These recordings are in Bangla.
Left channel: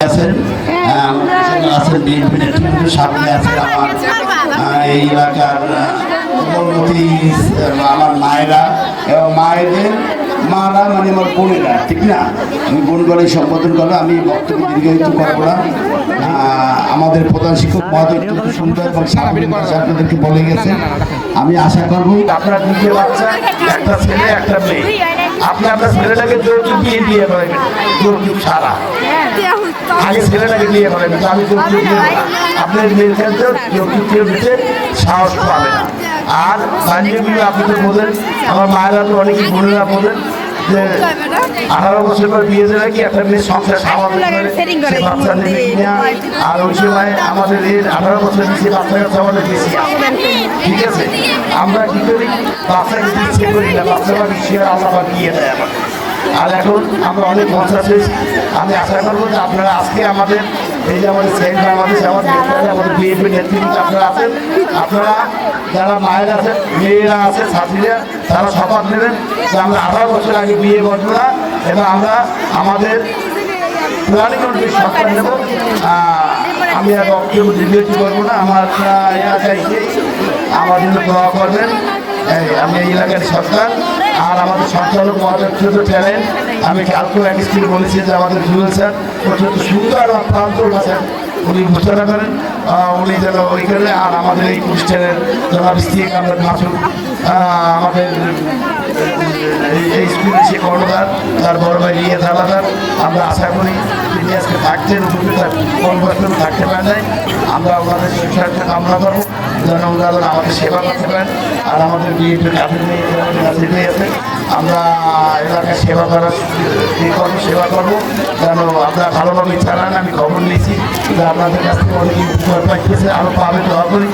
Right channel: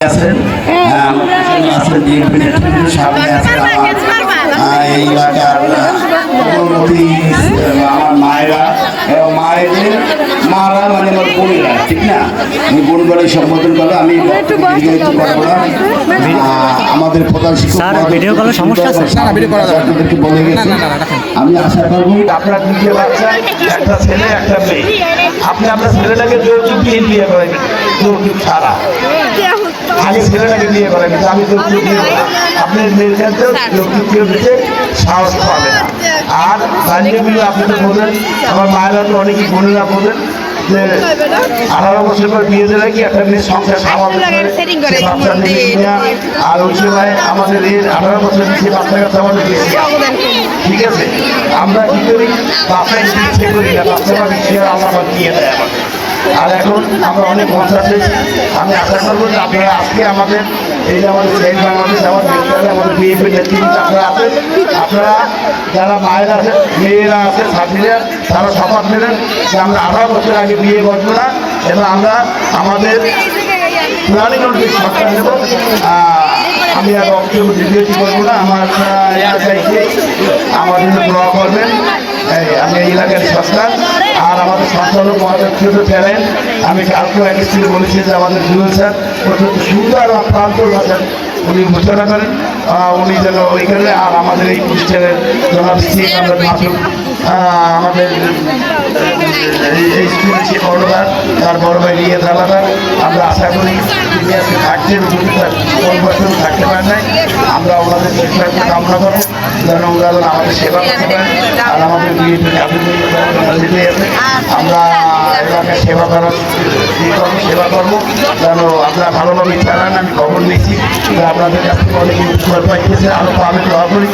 আছেন আছেন বিএনপি নেতৃত্ব সামনে আছে আমার এই এলাকার উন্নতি আমার মায়েরা এবং মায়েদের মারা মানে আমার বোনেরা ঠিক না আমি বোন বলে সম্বোধন করব আমি বক্তব্য দীর্ঘায়িত করব না আমাদের প্রধান শিক্ষক আপনাদেরকে বলে গেছে আমি আশা করব আপনার দুটো বাচ্চা একটা ছেলে একটা মেয়ে আপনি আপনার ছেলেটাকে যৌতুক দিয়ে ছাড়া ছেলেটাকে নিয়ে বলেন আমি তো। আপনি মেয়ের ক্ষেত্রে দিতে সাহস পাবেন আর বান্ধবীগুলো আপনি তো আমার মায়েরা তো অনেকেই বোনেরা যে আঠারো বছর পর বিয়ে দেবে কি একটা মেয়ে সংসার আর ওই সময় আমাদের এই আঠারো বছর নিচে বাচ্চা কাচ্চা বেশি ঠিক আছে আমরা কি করি বাচ্চা বেশি আর এখন আমরা অনেক পঞ্চাশ আমি আজকে আমাদের এই যে আমাদের সেল বাংলাদেশ আমাদের বিএনপি নেতৃত্ব আপনারা আছেন আপনারা, যারা মায়েরা আছে, মেয়েরা আছে, ছাত্রীরা, তারা শপথ নেবেন যে আমরা আঠারো বছর আগে বিয়ে করব না এবং আমরা আমাদের প্রাণীগণকে শপথ নেব। আমি আর ভিডিওটি করব না, আমার এলাকায় আমার জন্য দোয়া করবেন। আমি এলাকার সন্তান আর আমাদের আমি কালকেও এক স্ত্রী বলেছি যে আমাদের জুয়েল স্যার অত্যন্ত সুন্দর আর প্রান্ত আছেন উনি ঘোষণা করেন উনি যেন ওইখানে আর আমাদের এই প্রতিষ্ঠানের জনাব স্ত্রী আমাদের আমাদের এই- এই স্কুলে সে বড় তার বড় ভাই নিয়ে দাঁড়াতার আমরা আশা করি তিনি আজকে থাকতেন যেন আমাদের সেবা করতে পারেন আর আমাদের আমরা এলাকায় সেবা করার সেবা করব। যেন আমরা ভালোভাবে চালান আমি খবর নিয়েছি। আপনাদের কাছ থেকে অনেক উপকার পাইতেছে দোয়া করি।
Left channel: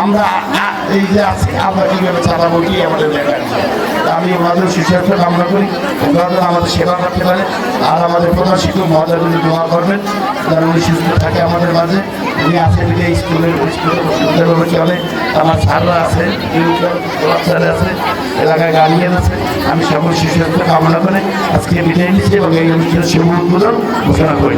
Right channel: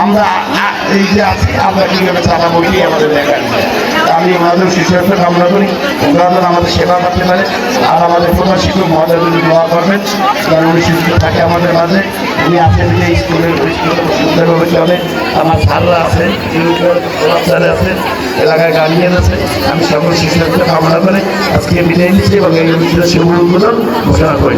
আমরা এই যে আছি আমরা কীভাবে চালাবো কি আমাদের দেখার আমি আমাদের সুস্বাস্থ্য কামনা করি। যেন আমাদের সেবা করতে পারে আর আমাদের প্রধান শিক্ষক মহোদয় যদি দোয়া করবেন। যেন উনি সুস্থ থাকে আমাদের মাঝে। উনি আছেন যে স্কুলের স্কুলে সুন্দরভাবে চলে। আমার স্যাররা আছে স্যার আছে এলাকায় গার্ডিয়ান আছে আমি সকল সুস্বাস্থ্য কামনা করে আজকে বিদায় নিচ্ছি এবং এই অনুষ্ঠানের শুভগুলো ঘোষণা করি।